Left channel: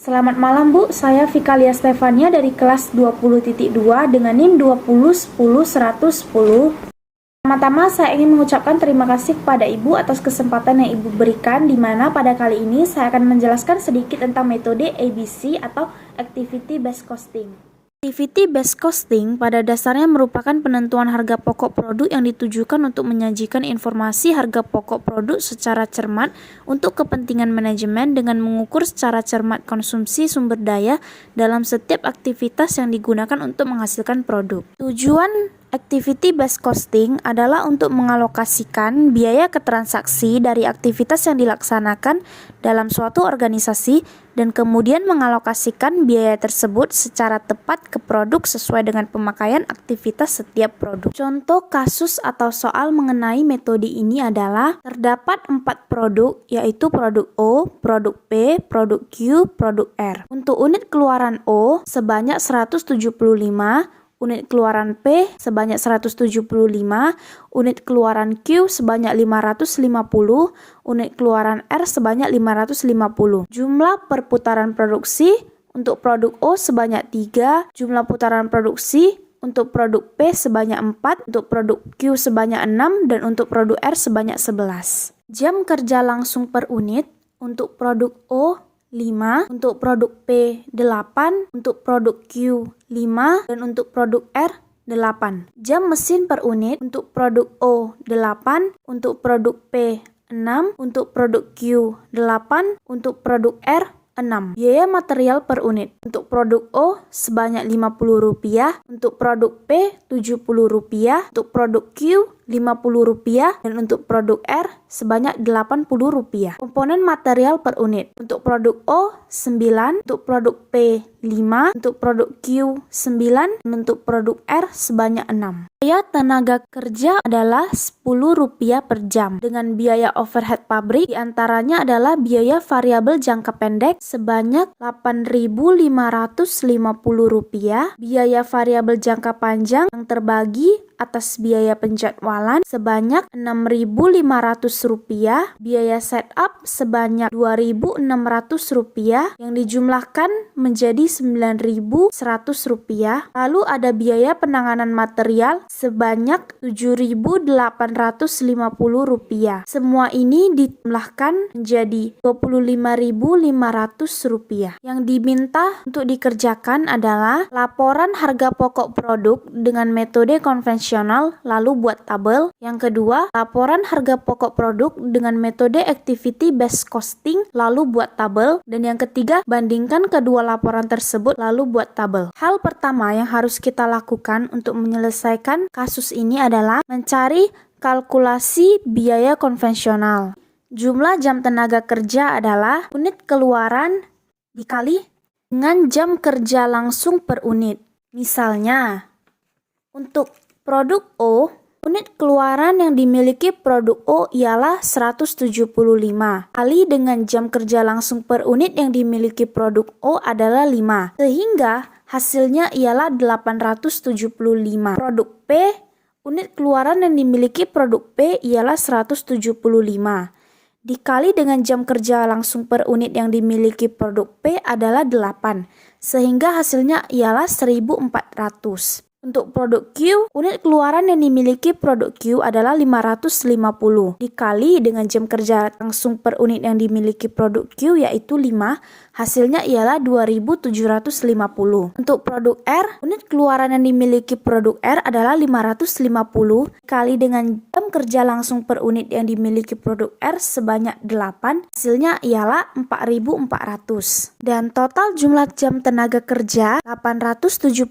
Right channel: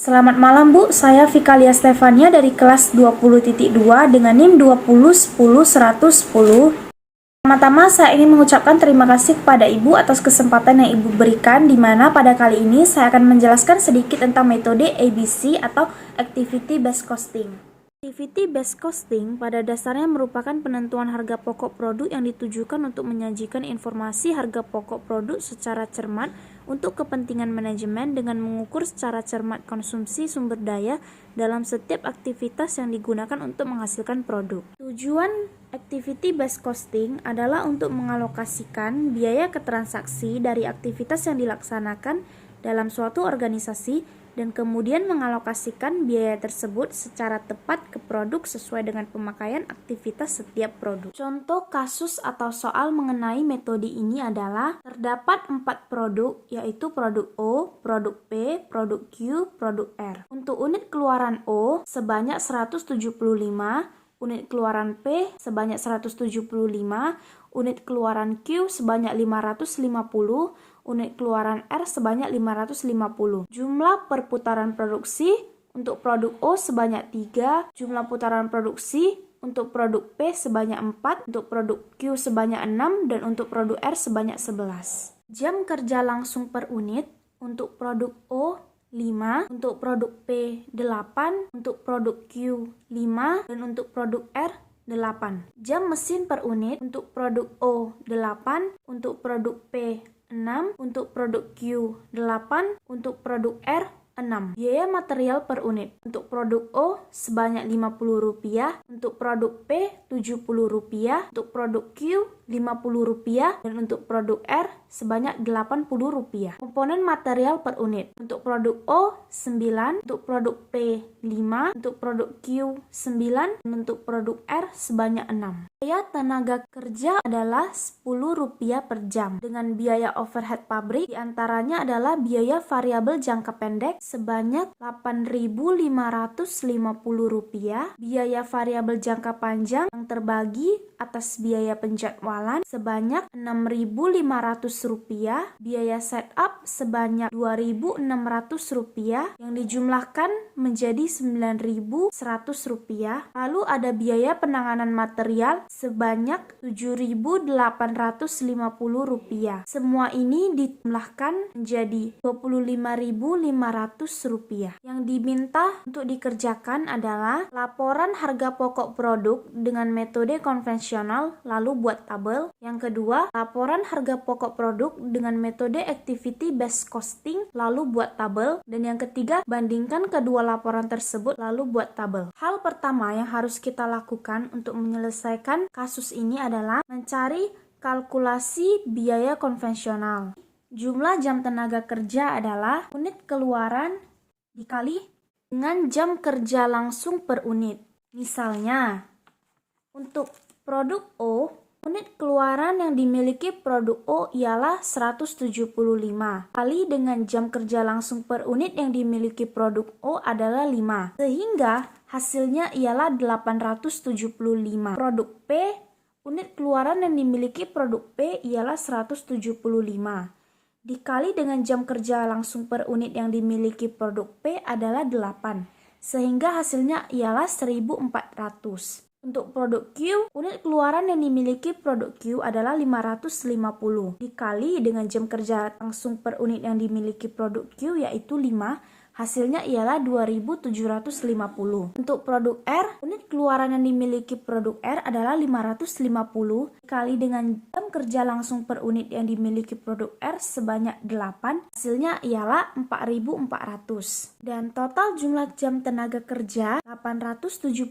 Selamat malam Bu, saya Vikalia Stefania dari kelas 20.2 dengan NIM 20101110. Pertama-tama saya ingin mengucapkan terima kasih kepada Ibu atas kesempatan yang Ibu berikan, di mana pada kali ini saya akan menjelaskan sedikit tentang metode ABC atau Activity Based Costing. Activity Based Costing pada dasarnya merupakan penentuan harga pokok produk yang ditujukan untuk menyajikan informasi harga pokok produk secara cermat untuk kepentingan manajemen dengan mengukur secara cermat konsumsi sumber daya dalam setiap aktivitas yang digunakan untuk menghasilkan produk. Tujuan Activity Based Costing adalah untuk mengalokasikan biaya ke transaksi dari aktivitas yang dilaksanakan dalam suatu organisasi dan kemudian mengalokasikan biaya tersebut secara tepat ke produk sesuai dengan pemakaian aktivitas setiap produk. Contoh kasus atau soal mengenai metode ini adalah terdapat 4 produk, yaitu produk O, produk P, produk Q, produk R. Untuk unit keluaran O sebanyak 175, unit keluaran P sebanyak 175, unit keluaran Q sebanyak 550, unit keluaran R sebanyak 550. Jumlah perputaran produksi untuk produk O sebanyak 3, jumlah putaran produksi untuk produk P sebanyak 4, untuk produk Q sebanyak 6, dan untuk produk R sebanyak 11. Jam kerja langsung per unit untuk produk O 5, untuk produk P 8, untuk produk Q 5, dan untuk produk R 8. Jam mesin per unit untuk produk O 8, untuk produk P 6, untuk produk Q 8, untuk produk R 6. Biaya material per unit untuk produk O sebanyak Rp50, untuk produk P Rp70, untuk produk Q Rp50, dan untuk produk R sebanyak Rp80. Komponen material per unit untuk produk O 9, untuk produk P 5, untuk produk Q 9, dan untuk produk R sebanyak 6. Biaya tenaga kerja adalah Rp10 per jam, dengan biaya overhead pabrik diantaranya adalah biaya variabel jangka pendek sebanyak Rp8.550, biaya variabel jangka panjang yang terbagi atas biaya penjadwalan sebanyak Rp6.500, biaya setup sebanyak Rp2.600 yang dijumlahkan menjadi Rp9.100, lalu ada biaya penanganan material sebanyak Rp7.850. Semua ini dijumlahkan menjadi Rp25.500. Yang diminta untuk dikerjakan adalah laporan harga pokok produk dengan metode konvensional, lalu buat tabel. Yang kedua, laporan harga pokok produk dengan metode Activity Based Costing, lalu buat tabel. Dan yang ketiga, bandingkan kedua laporan tersebut, lalu buat tabel. Hal pertama yang harus kita lakukan untuk menyelesaikan kasus ini adalah mencari kalkulasi biaya konvensional. Jumlah jam tenaga kerja adalah unit keluaran dikali dengan jam kerja langsung per unit. Misalnya, untuk produk O, unit keluaran yang dimiliki produk O ialah 175, kali dengan jam kerja langsung per unit yang dimiliki produk O adalah 5, sehingga hasilnya ialah 875. Produk P, unit keluaran yang dimiliki produk P ialah 175, dikali dengan jam kerja langsung per unit yang dimiliki produk P adalah 8, sehingga hasilnya ialah 1400. Untuk produk Q, unit keluaran yang dimiliki produk Q adalah 550, dikali dengan jam kerja langsung per unit yang dimiliki produk Q yaitu 5, hasilnya ialah 2750. Untuk produk R, unit keluaran yang dimiliki produk R adalah 550, dikali dengan jam kerja langsung per unit yang dimiliki produk R sebanyak 8, hasilnya ialah 4400. Dan total jumlah jam tenaga kerja 875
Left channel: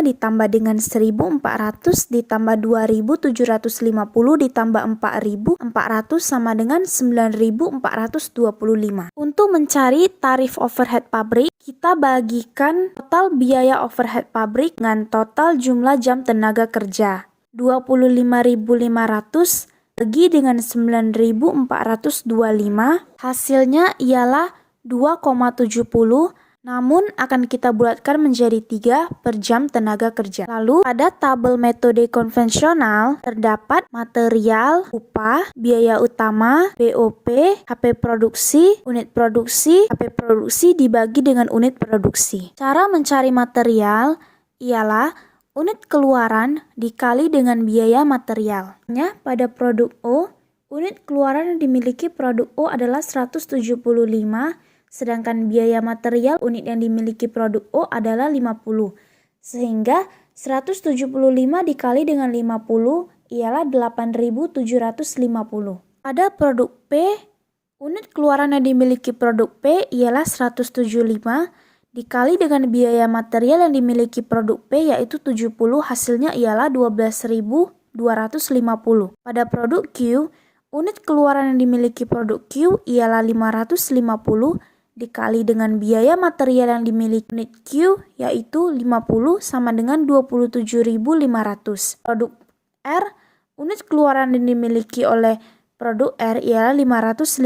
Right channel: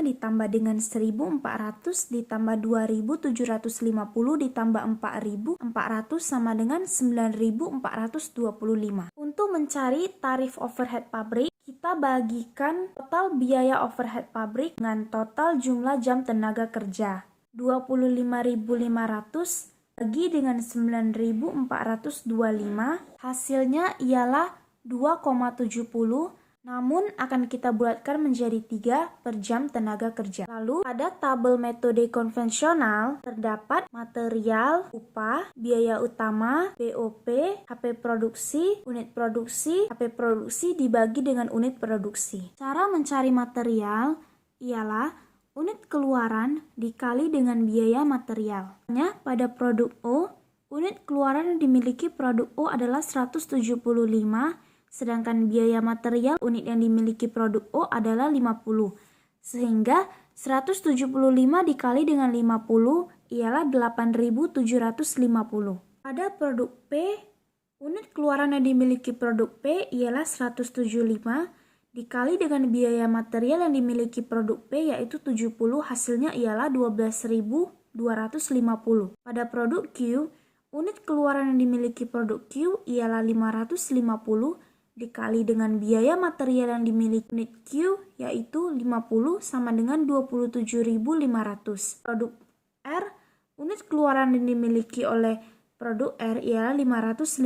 ditambah dengan 1400 ditambah 2750 ditambah 4400 sama dengan 9425. Untuk mencari tarif overhead pabrik, kita bagikan total biaya overhead pabrik dengan total jumlah jam tenaga kerja. 25.500 bagi dengan 9.425, hasilnya ialah 2,70 namun akan kita bulatkan menjadi 3 per jam tenaga kerja. Lalu pada tabel metode konvensional terdapat material, upah, biaya utama, BOP, HP produksi, unit produksi, HP produksi dibagi dengan unit produksi. Cara mencari material ialah unit keluaran dikali dengan biaya material. Pada produk O, unit keluaran yang dimiliki produk O adalah 175, sedangkan biaya material unit yang dimiliki produk O adalah 50. Sehingga 175 dikali dengan 50 ialah 8.750. Pada produk P, unit keluaran yang dimiliki produk P ialah 175 dikali dengan biaya material yang dimiliki produk P yaitu 70, hasilnya ialah 12.250. Pada produk Q, unit keluaran yang dimiliki produk Q ialah 550 dikali dengan biaya material yang dimiliki unit Q yaitu 50 sama dengan 27.500. Produk R, unit keluaran yang dimiliki oleh produk R ialah 550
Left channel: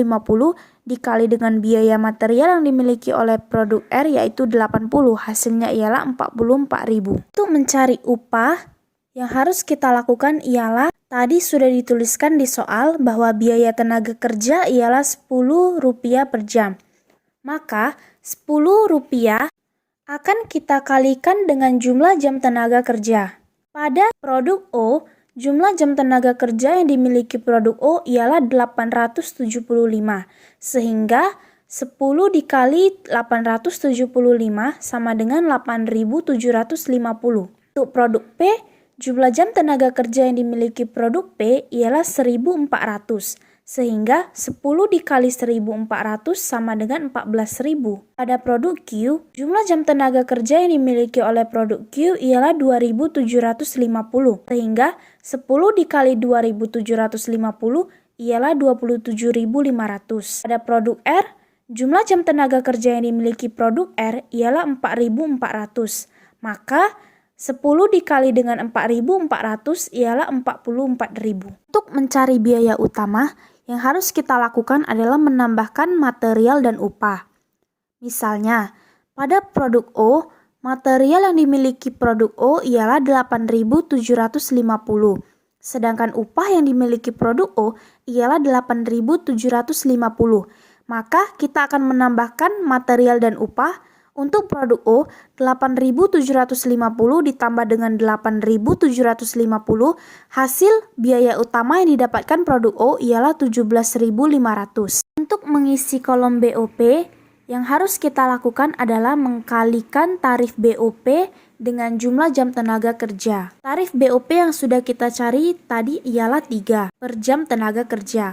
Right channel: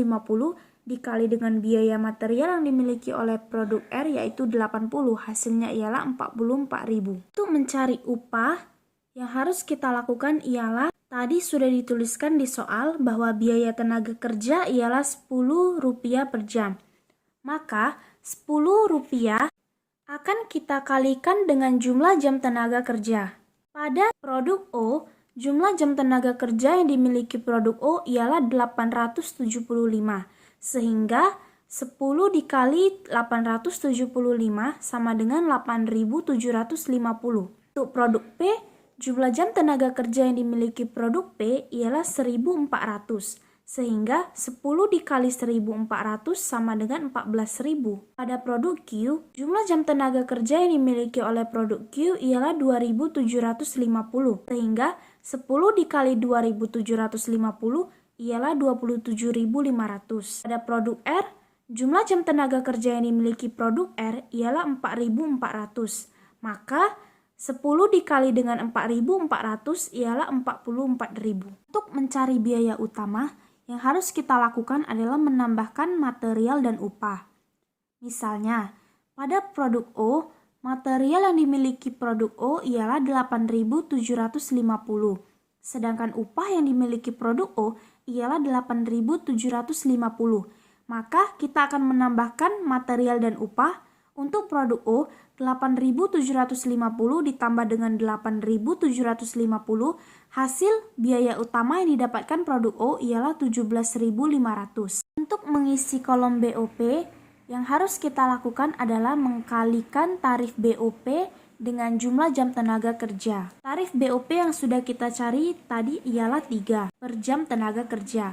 dikali dengan biaya material yang dimiliki oleh produk R yaitu 80, hasilnya ialah 44.000. Untuk mencari upah, yang harus kita lakukan ialah tadi sudah dituliskan di soal bahwa biaya tenaga kerja ialah Rp10 per jam. Maka Rp10 akan kita kalikan dengan jumlah jam tenaga kerja. Pada produk O, jumlah jam tenaga kerja yang dimiliki produk O ialah 875. Sehingga 10 dikali 875 sama dengan 8.750. Untuk produk P, jumlah jam tenaga kerja yang dimiliki produk P ialah 1.400. Sehingga 10 dikali 1.400 sama dengan 14.000. Pada produk Q, jumlah jam tenaga kerja yang dimiliki oleh produk Q ialah 2.750. Sehingga 10 dikali 2.750 ialah 27.500. Pada produk R, jumlah jam tenaga kerja yang dimiliki produk R ialah 4.400. Maka 10 dikali dengan 4.400 ialah 44.000. Untuk mencari biaya utama, yang harus kita lakukan adalah menambahkan material dan upah. Misalnya, pada produk O, material yang dimiliki produk O ialah 8.750. Sedangkan upah yang dimiliki produk O ialah 8.750. Maka kita akan menambahkan material dan upah. Untuk produk O, 8.750 ditambah dengan 8.750, hasil biaya utama yang didapatkan produk O ialah 17.500. Untuk mengisi kolom BOP, yang harus kita lakukan adalah mengkalikan tarif BOP dengan jumlah jam tenaga kerja. Tarif BOP yang sudah kita cari tadi ialah 3 per jam tenaga kerja.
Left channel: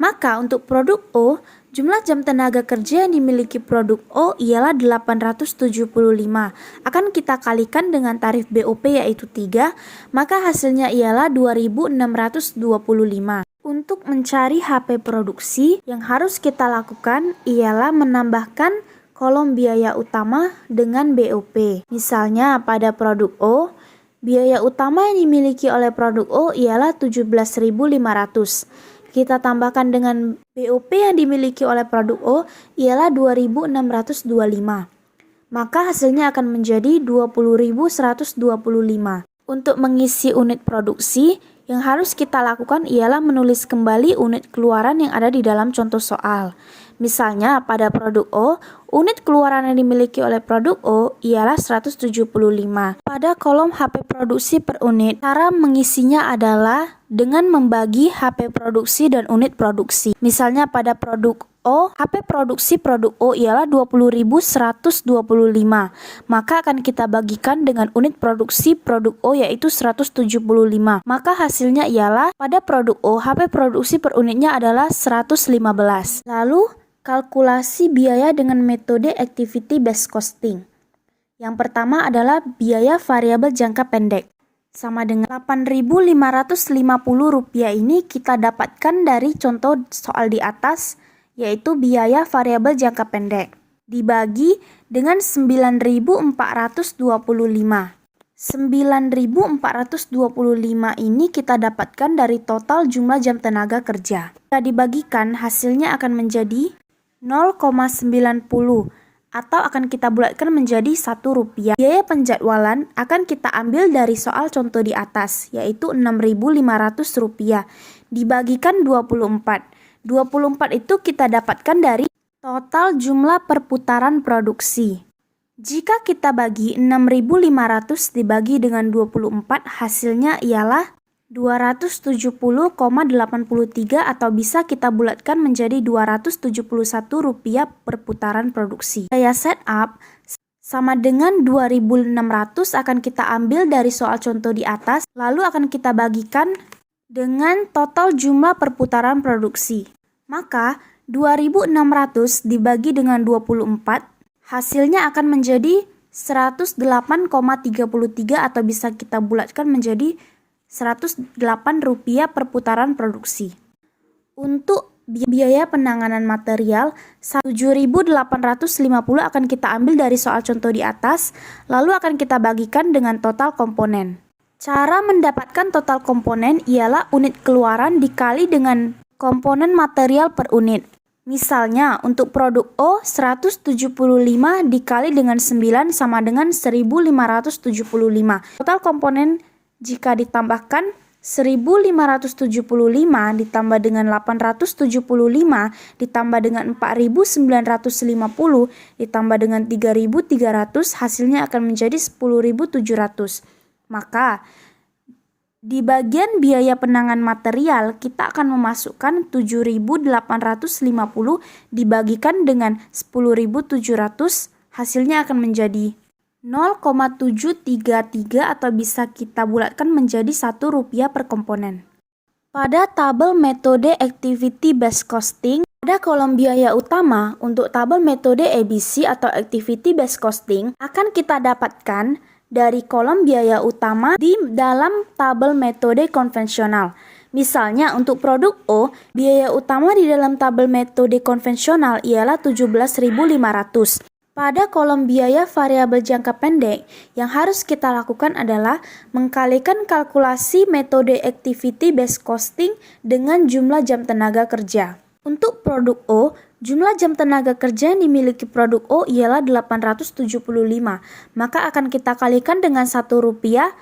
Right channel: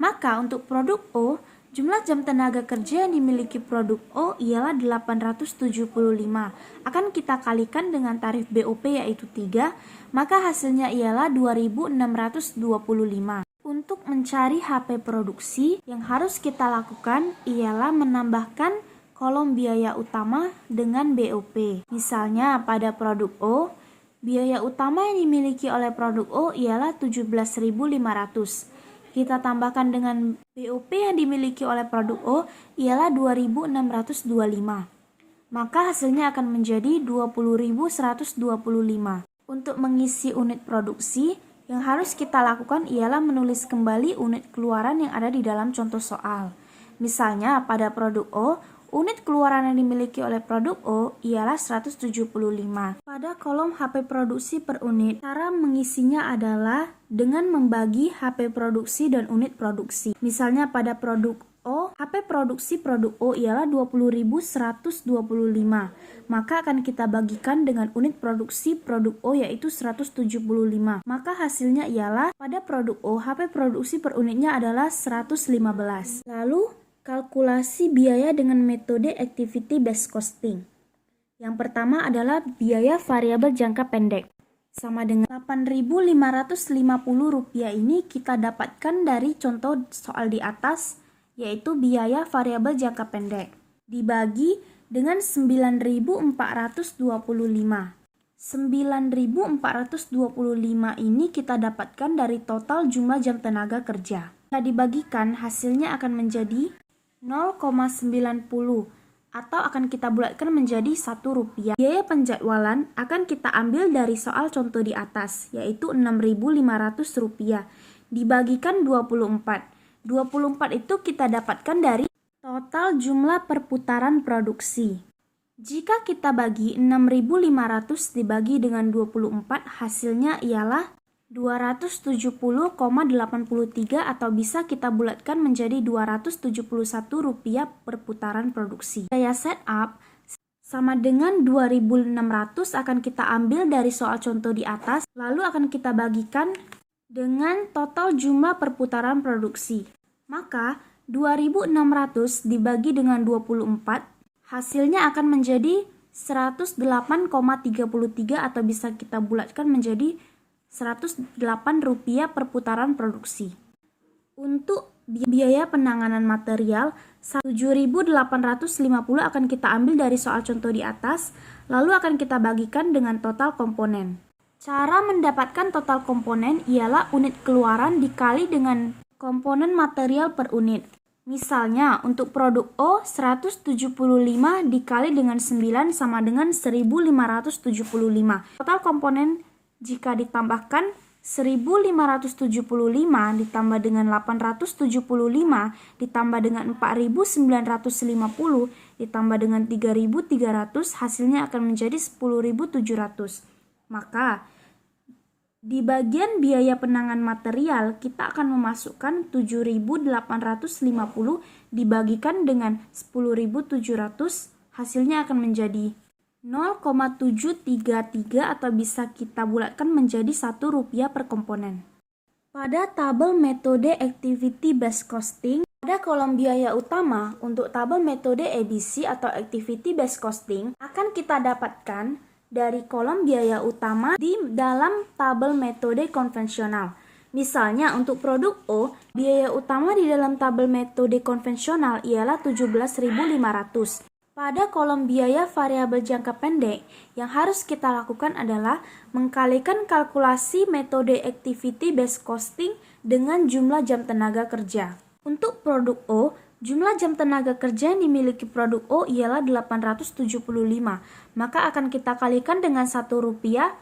Maka untuk produk O, jumlah jam tenaga kerja yang dimiliki produk O ialah 875. Akan kita kalikan dengan tarif BOP yaitu 3, maka hasilnya ialah 2.625. Untuk mencari HP produksi, yang harus kita lakukan ialah menambahkan kolom biaya utama dengan BOP. Misalnya pada produk O, biaya utama yang dimiliki oleh produk O ialah 17.500. Kita tambahkan dengan BOP yang dimiliki oleh produk O ialah 2.625. Maka hasilnya akan menjadi 20.125. Untuk mengisi unit produksi, yang harus kita lakukan ialah menulis kembali unit keluaran yang ada di dalam contoh soal. Misalnya pada produk O, unit keluaran yang dimiliki oleh produk O ialah 175. Pada kolom HP produksi per unit, cara mengisinya adalah dengan membagi HP produksi dan unit produksi. Misalnya pada produk O, HP produksi produk O ialah 20.125. Maka akan kita bagikan dengan unit produksi produk O yaitu 175. Maka hasilnya ialah pada produk O, HP produksi per unitnya adalah 115. Lalu, kalkulasi biaya dengan metode activity based costing. Yang pertama adalah biaya variabel jangka pendek. Sama dengan Rp8.550 ini kita dapatkan dari contoh soal di atas, yaitu biaya variabel jangka pendek. Dibagi dengan 9.425. 9.425 ini kita dapatkan dari total jumlah jam tenaga kerja. Jika dibagikan, hasilnya akan menjadi 0,90 atau akan kita bulatkan menjadi Rp1. Biaya penjadwalan akan kita ambil dari soal contoh di atas, yaitu Rp6.500 dibagikan 24. 24 itu kita dapatkan dari total jumlah perputaran produksi. Jika kita bagi 6.500 dibagi dengan 24, hasilnya ialah 270,83 atau bisa kita bulatkan menjadi Rp271 per putaran produksi. Biaya setup sama dengan 2.600 akan kita ambil dari soal contoh di atas, lalu akan kita bagikan dengan total jumlah perputaran produksi. Maka 2.600 dibagi dengan 24, hasilnya akan menjadi 108,33 atau bisa kita bulatkan menjadi Rp108 per putaran produksi. Untuk biaya penanganan material, 7.850 akan kita ambil dari soal contoh di atas, lalu akan kita bagikan dengan total komponen. Cara mendapatkan total komponen ialah unit keluaran dikali dengan komponen material per unit. Misalnya, untuk produk O, 175 dikali dengan 9 sama dengan 1.575. Total komponen jika ditambahkan 1.575 ditambah dengan 875 ditambah dengan 4.950 ditambah dengan 3.300, hasilnya akan menjadi 10.700. Maka di bagian biaya penanganan material kita akan memasukkan 7.850 dibagikan dengan 10.700, hasilnya akan menjadi 0,733 atau bisa kita bulatkan menjadi Rp1 per komponen. Pada tabel metode Activity Based Costing, pada kolom biaya utama untuk tabel metode ABC atau Activity Based Costing akan kita dapatkan dari kolom biaya utama di dalam tabel metode konvensional. Misalnya untuk produk O, biaya utama di dalam tabel metode konvensional ialah 17.500. Pada kolom biaya variabel jangka pendek, yang harus kita lakukan adalah mengkalikan kalkulasi metode Activity Based Costing dengan jumlah jam tenaga kerja. Untuk produk O, jumlah jam tenaga kerja yang dimiliki produk O ialah 875, maka akan kita kalikan dengan Rp1.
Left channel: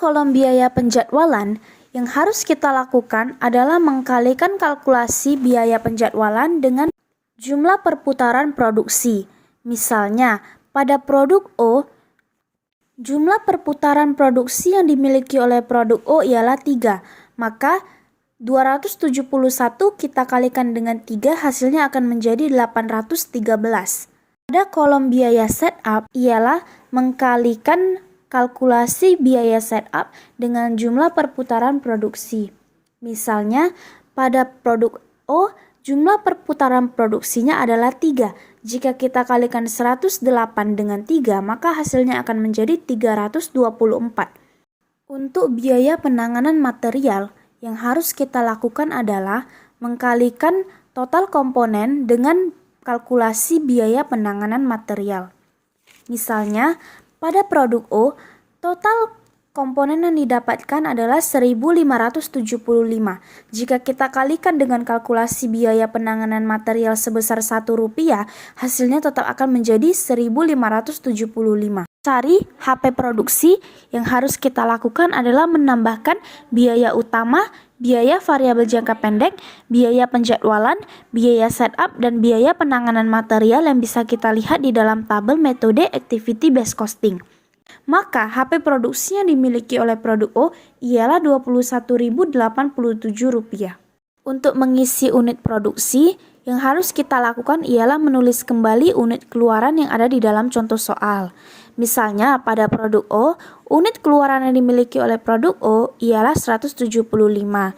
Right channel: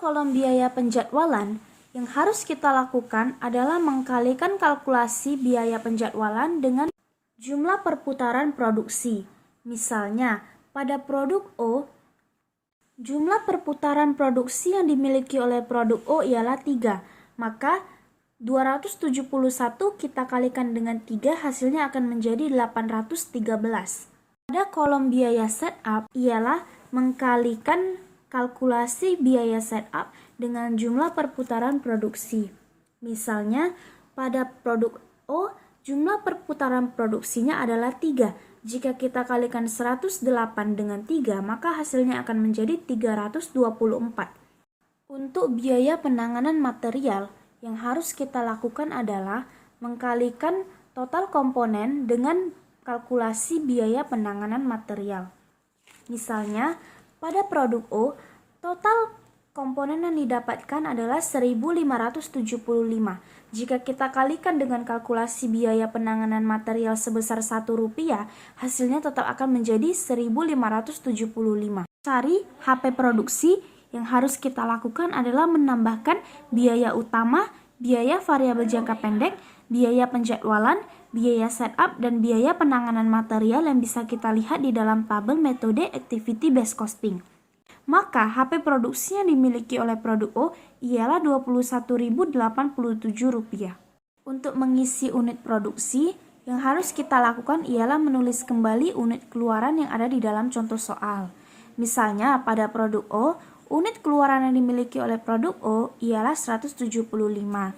Kolom biaya penjadwalan, yang harus kita lakukan adalah mengkalikan kalkulasi biaya penjadwalan dengan jumlah perputaran produksi. Misalnya, pada produk O, jumlah perputaran produksi yang dimiliki oleh produk O ialah 3, maka 271 kita kalikan dengan 3, hasilnya akan menjadi 813. Pada kolom biaya setup ialah mengkalikan kalkulasi biaya setup dengan jumlah perputaran produksi. Misalnya, pada produk O, jumlah perputaran produksinya adalah 3. Jika kita kalikan 108 dengan 3, maka hasilnya akan menjadi 324. Untuk biaya penanganan material, yang harus kita lakukan adalah mengkalikan total komponen dengan kalkulasi biaya penanganan material. Misalnya, pada produk O, total komponen yang didapatkan adalah 1.575. Jika kita kalikan dengan kalkulasi biaya penanganan material sebesar Rp1, hasilnya tetap akan menjadi 1.575. Cari HP produksi, yang harus kita lakukan adalah menambahkan biaya utama, biaya variabel jangka pendek, biaya penjadwalan, biaya setup, dan biaya penanganan material yang bisa kita lihat di dalam tabel metode Activity Based Costing. Maka HP produksi yang dimiliki oleh produk O ialah Rp21.087. Untuk mengisi unit produksi, yang harus kita lakukan ialah menulis kembali unit keluaran yang ada di dalam contoh soal. Misalnya pada produk O, unit keluaran yang dimiliki oleh produk O ialah 175.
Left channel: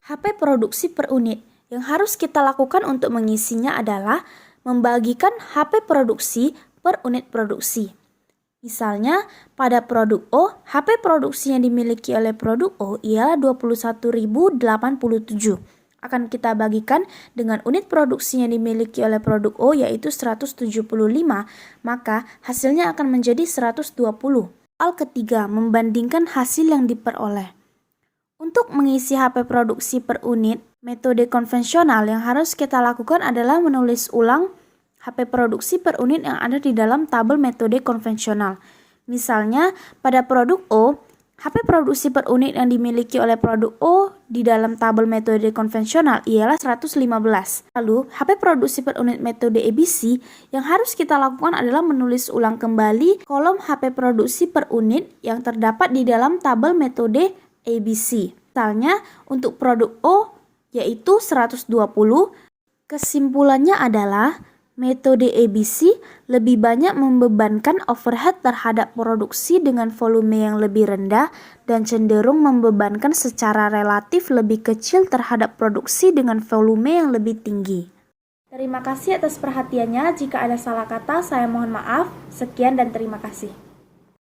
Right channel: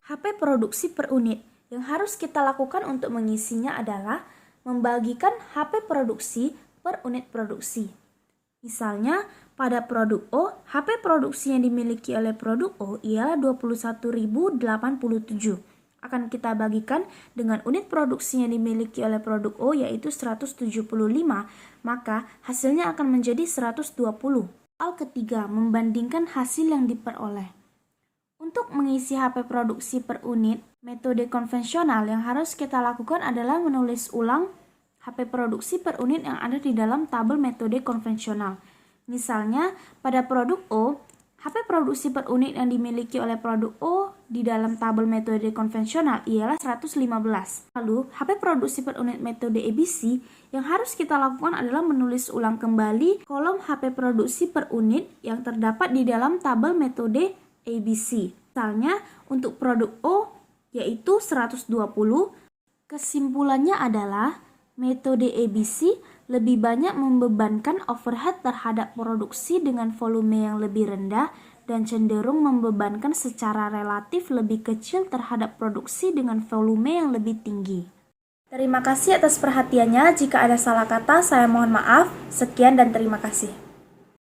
HP produksi per unit. Yang harus kita lakukan untuk mengisinya adalah membagikan HP produksi per unit produksi. Misalnya, pada produk O, HP produksi yang dimiliki oleh produk O ialah 21.087. Akan kita bagikan dengan unit produksi yang dimiliki oleh produk O yaitu 175, maka hasilnya akan menjadi 120. Soal ketiga, membandingkan hasil yang diperoleh. Untuk mengisi HP produksi per unit, metode konvensional yang harus kita lakukan adalah menulis ulang HP produksi per unit yang ada di dalam tabel metode konvensional. Misalnya, pada produk O, HP produksi per unit yang dimiliki oleh produk O di dalam tabel metode konvensional ialah 115. Lalu, HP produksi per unit metode ABC yang harus kita lakukan adalah menulis ulang kembali kolom HP produksi per unit yang terdapat di dalam tabel metode ABC. Misalnya, untuk produk O yaitu 120, kesimpulannya adalah metode ABC lebih banyak membebankan overhead terhadap produksi dengan volume yang lebih rendah dan cenderung membebankan secara relatif lebih kecil terhadap produksi dengan volume yang lebih tinggi. Terima kasih atas perhatiannya. Jika ada salah kata, saya mohon maaf. Sekian dan terima kasih.